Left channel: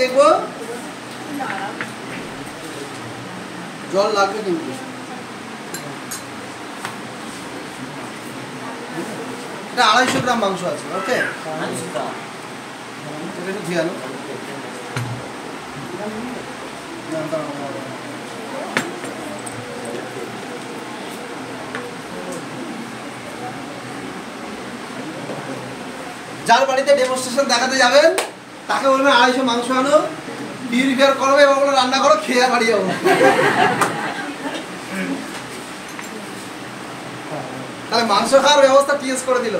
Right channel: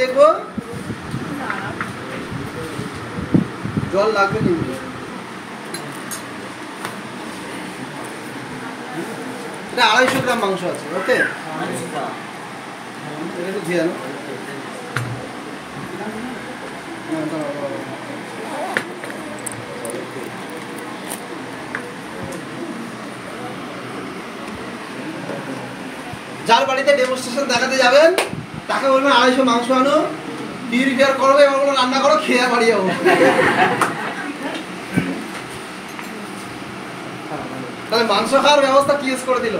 দেখবো জল লাগবে কিন্তু এটা 250 গ্রাম মাংস আছে। ওকে, এটা একটু ধুয়ে আনো। যার বাড়িতে ডেমনস্ট্রেশন দেখাতে যাবেন তাকে বলবেন 250 মাংস আনো, পিউরিফায়ার করবে এবং রান্না করো, খেয়ে বাড়ি যাবো। তাহলে মাংস খাওয়ার ব্যবস্থা টিএস করে দিল।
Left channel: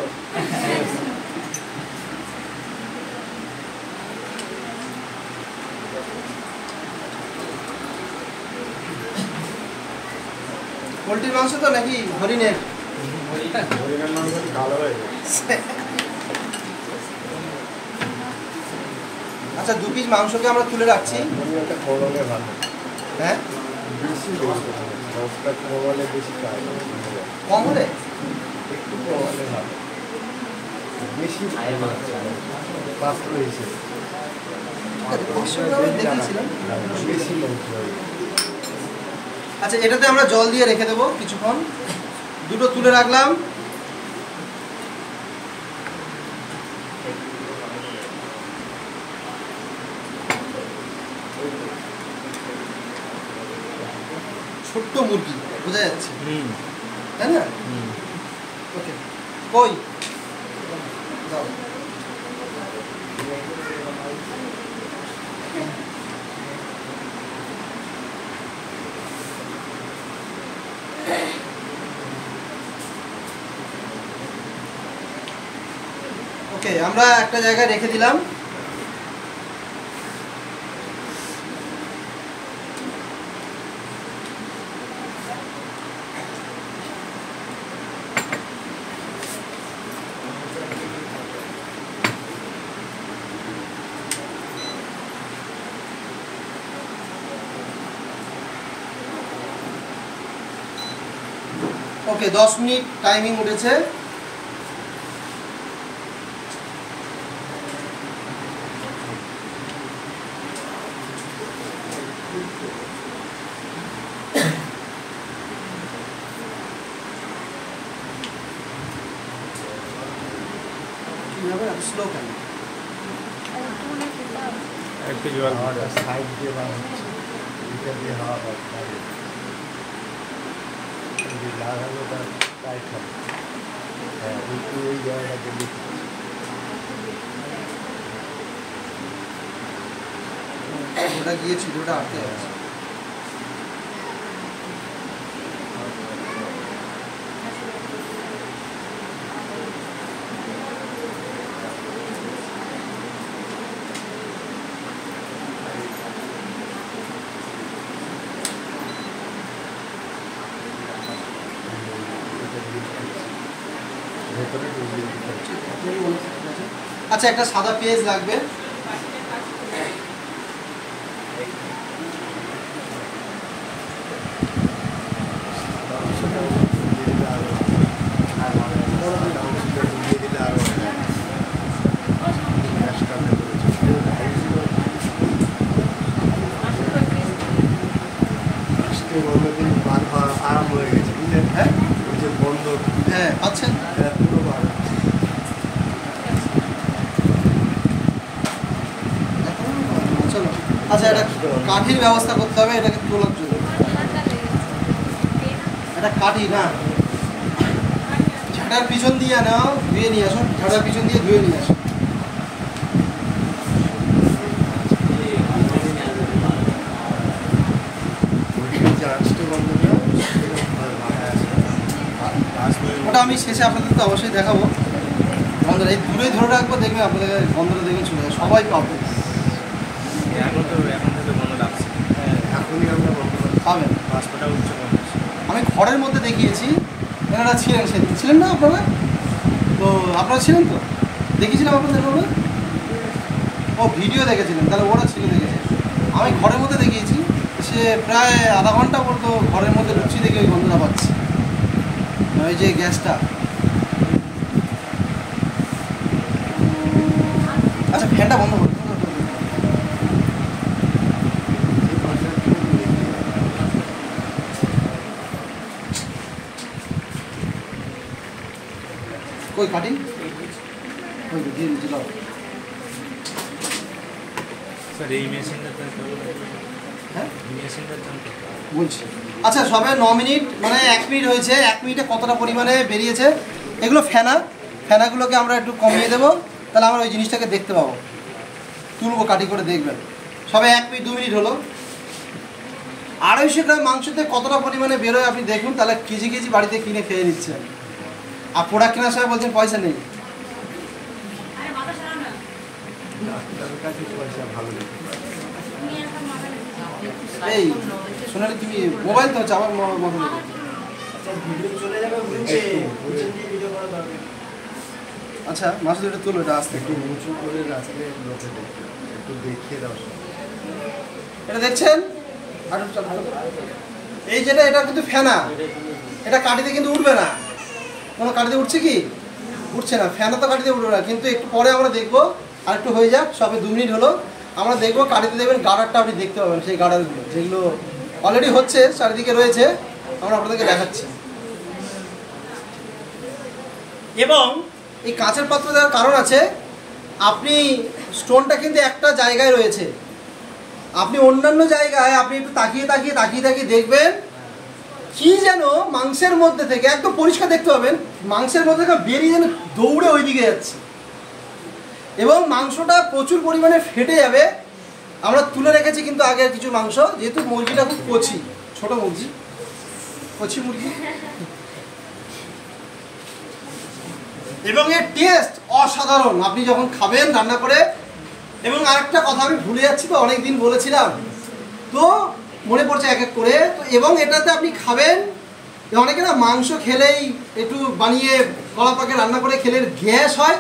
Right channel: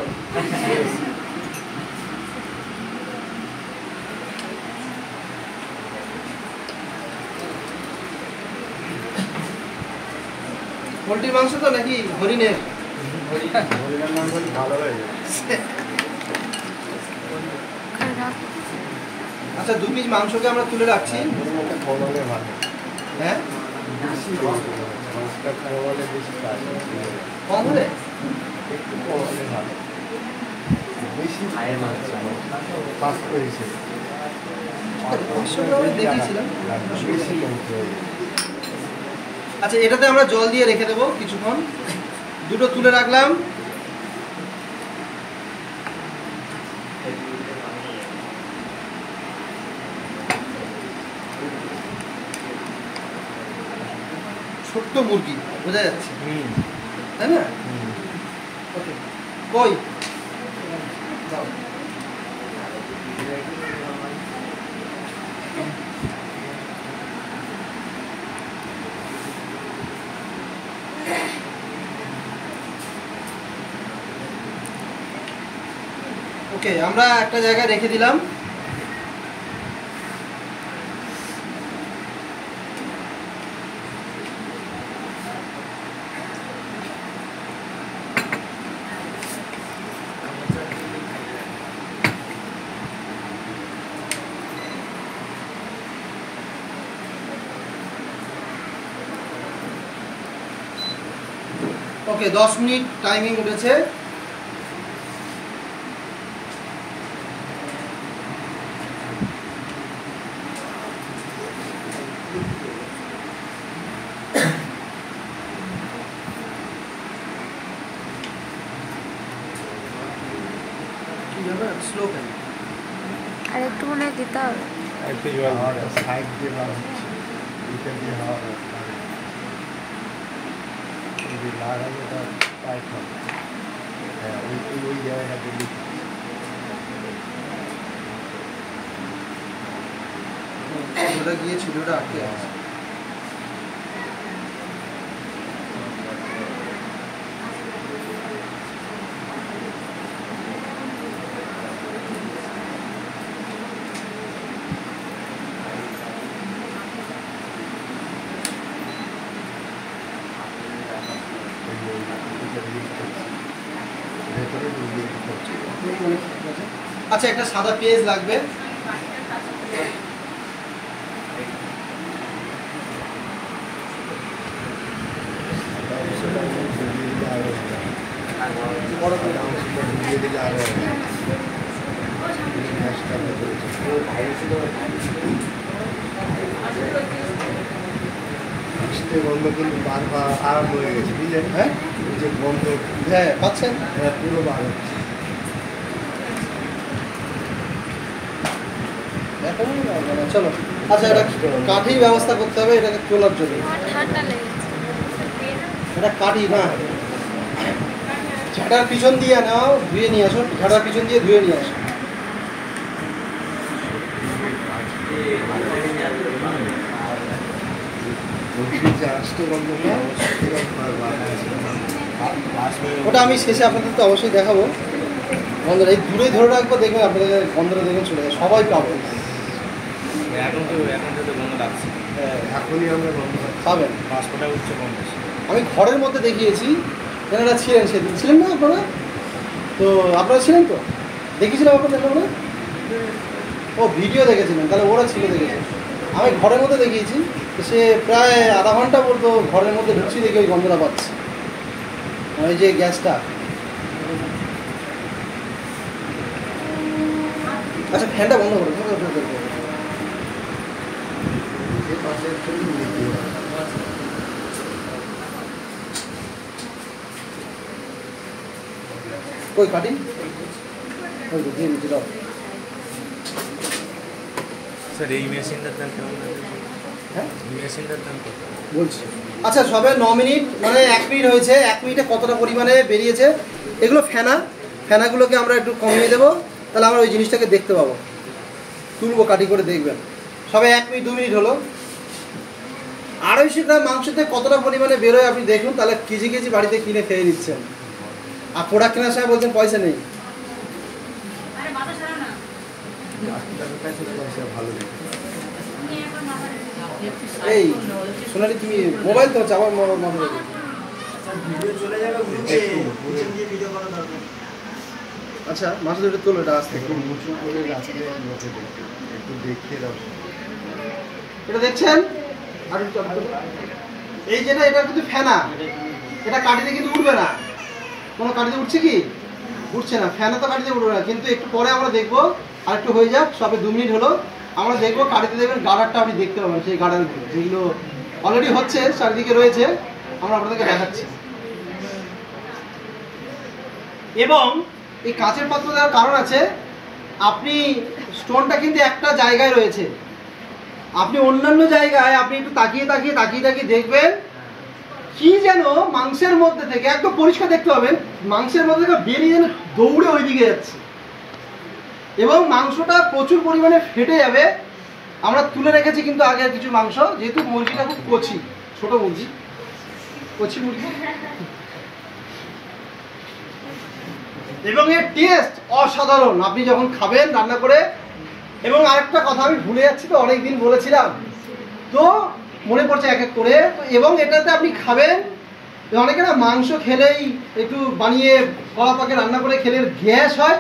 পোল্ট্রি মাংস তো নাকি হরিণের? হরিণের মাংস ভালো হয়ে যায়। আচ্ছা, 2 পিস মাংসকে আমরা তুলে রাখছি। হ্যাঁ, কম হলে একটু কম হলে ভালো, বেশি আচ্ছা, এটাতে আমরা জল দিয়ে রেখে দেবো কিছুক্ষণ। দুটো তুলে রাখলাম। ছোট্ট মুরগি বোঝা যাচ্ছে, তাই না? ওকে, কই যাও। ওকে, আমরা একটা জায়গায় রেখে দিলাম। ওকে, 10 মিনিট টাইমিং উঠেছে। স্লো করুন, আরেকটু মনে দিতে হবে। একটু জল সাইড দিয়ে হাওয়া লাগালে ওটা টাইট হবে। হ্যাঁ, ওই জায়গাটা দিল্লি ওটা গিয়েছিল, ওটা আটকে আছে। আচ্ছা, একটা সাদা পেঁয়াজ লাগবে। গন্ধ কিন্তু বার আরম্ভ হয়ে গেছে, বুঝলেন? হ্যাঁ, ওই যে গন্ধ, হ্যাঁ পাচ্ছেন, পুরো বার হচ্ছে। চলো, আচ্ছা, এটা কাঠির ব্যবস্থা করতে হবে এটাকে তোলার জন্য। এটা কাঠি না, ঝাঁটার পিছন দিয়ে নাও, ধুয়ে নিয়ে আসো। ঝাঁটার পিছন দিয়ে ধুয়ে নিয়ে আসো। ওটা আমি শেষে আপনাদের তো অবশ্যই দেখাবো। গন্ধটা এই দূরে ধরে রাখবো, দেখবেন আপনাদের গন্ধটা দেখবেন চলে যায়, সবাই পাবে। এখন থেকে গন্ধ লাগছে, এখনই আমরা গন্ধ পাবেন। পাসপোর্টটা উঠছে গন্ধ। আমি ঘরের মধ্যে দেখিয়েছি, এনারা ছিলেন, সেদিন ছিলেন না আপনারা? তো আপনারা ছিলেন তো, দেখিয়েছিলাম আপনাদের সামনে। ও ভিডিও দেখেছিলেন, তাহলে ওরা ছিল, দেখেছেন। আমি ঘরের মধ্যে দেখিয়েছি, সে প্রায় আধা ঘন্টা পর্যন্ত ঘরের মধ্যে ঢুকছি, দেখে ওই গন্ধটা পাচ্ছি, ওই যে গ্যাসটা। আচ্ছা, ফ্যানটা বন্ধ করুন। কই কাটিং ওই তো দিয়ে দিচ্ছি, দাও। স্যার এই মেশিনটার দাম কেমন আছে? হ্যাঁ এই মেশিনটার দাম কত? বলছি। আচ্ছা সবে 9 মিনিট মানে 1 মিনিট হয়েছে, 1 মিনিটে কতটা পরিমাণে বেরিয়েছে। এগুলো ফেনাগুলোকে আমরা একটু কমিয়ে দেবো, তাহলে আমরা ওই জিনিসটাকে দেখতে পাবো, তুলবো কাটি করে দেখবেন। সবে 1 মিনিট 2 মিনিট হলো। 250 গ্রাম মাংসতে কতটা পরিমাণে বেরোয় আপনি দেখুন, তাহলে কেজি কেজি বাড়িতে কিনে খেয়ে নিচ্ছেন। আর প্রোডাক্ট কেনার সময় বলছেন পয়সা নেই। ডাক্তারের কাছে পয়সা ভালো দিতে পারে। এই শুনানি তুমি মোবাইল তো হচ্ছে আমার মাথা থেকে। আচ্ছা মাছ ধরে তুলো, এটা আসতে একটু উঁচু করে রাখলে লোকে দেখতে পাবে। একটু দেখিয়ে দাও। এটা দেখছেন। আর একটু চাপ দাও। এই যেটা এটা কিন্তু ফেনা, এটা কাটিতে কিন্তু উঠবে না। কোনো কাটিতে উঠছে কি? উঠছে না। ফ্যানে তো কাটিতে উঠবে না, কিন্তু একটু পরে আমরা দেখবো। আর একটু হয়ে যাক, সবে 2 মিনিট হলো, আমরা দেখবো কাটিতে দেখবেন গার্ডারটা আপনি দেখতে পাবেন। সেই গার্ডারগুলো যেগুলো অলরেডি হচ্ছে চারিদিকে রয়েছে, আমরা আপনাদেরকে দেখাচ্ছি। এবং এই কাঁচের পাত্র দেওয়ার কারণ আছে, আপনি স্টোনটা কিন্তু একটা জায়গায় রয়েছে, আপনি অন্যান্য জায়গায় আপনি একটু তাকিয়ে দেখবেন কি যেন মাংসের মধ্যে থেকে একদম পরিষ্কার দেখতে পাবেন, মাংসের মধ্যে থেকে বেরিয়ে যেন দৌড়ে ওইদিকে যাচ্ছে এবং মাংসটা প্রচুর পরিমাণে ফেটে যাবে। আমরা তুলে রেখেছি কিন্তু আগের কিছু মাংস, যেহেতু মুরগিটা খুব কচি, ছোট মুরগি, কচি মুরগি, এবং এর টেস্ট অসাধারণ আপনি যখন খাবেন রান্না করে। এবং আরেকটা কথা আমি ভুলে যাচ্ছি, তো অনেক দিন বলেছিলাম, তো মনে পড়ছে এক এক করে। এবং এটাতে আপনি খাবেন, অনেকে না মাংস খেলেই একটু বানিয়ে কলা পাকে রান্না করে খেলে গ্যাস হয়,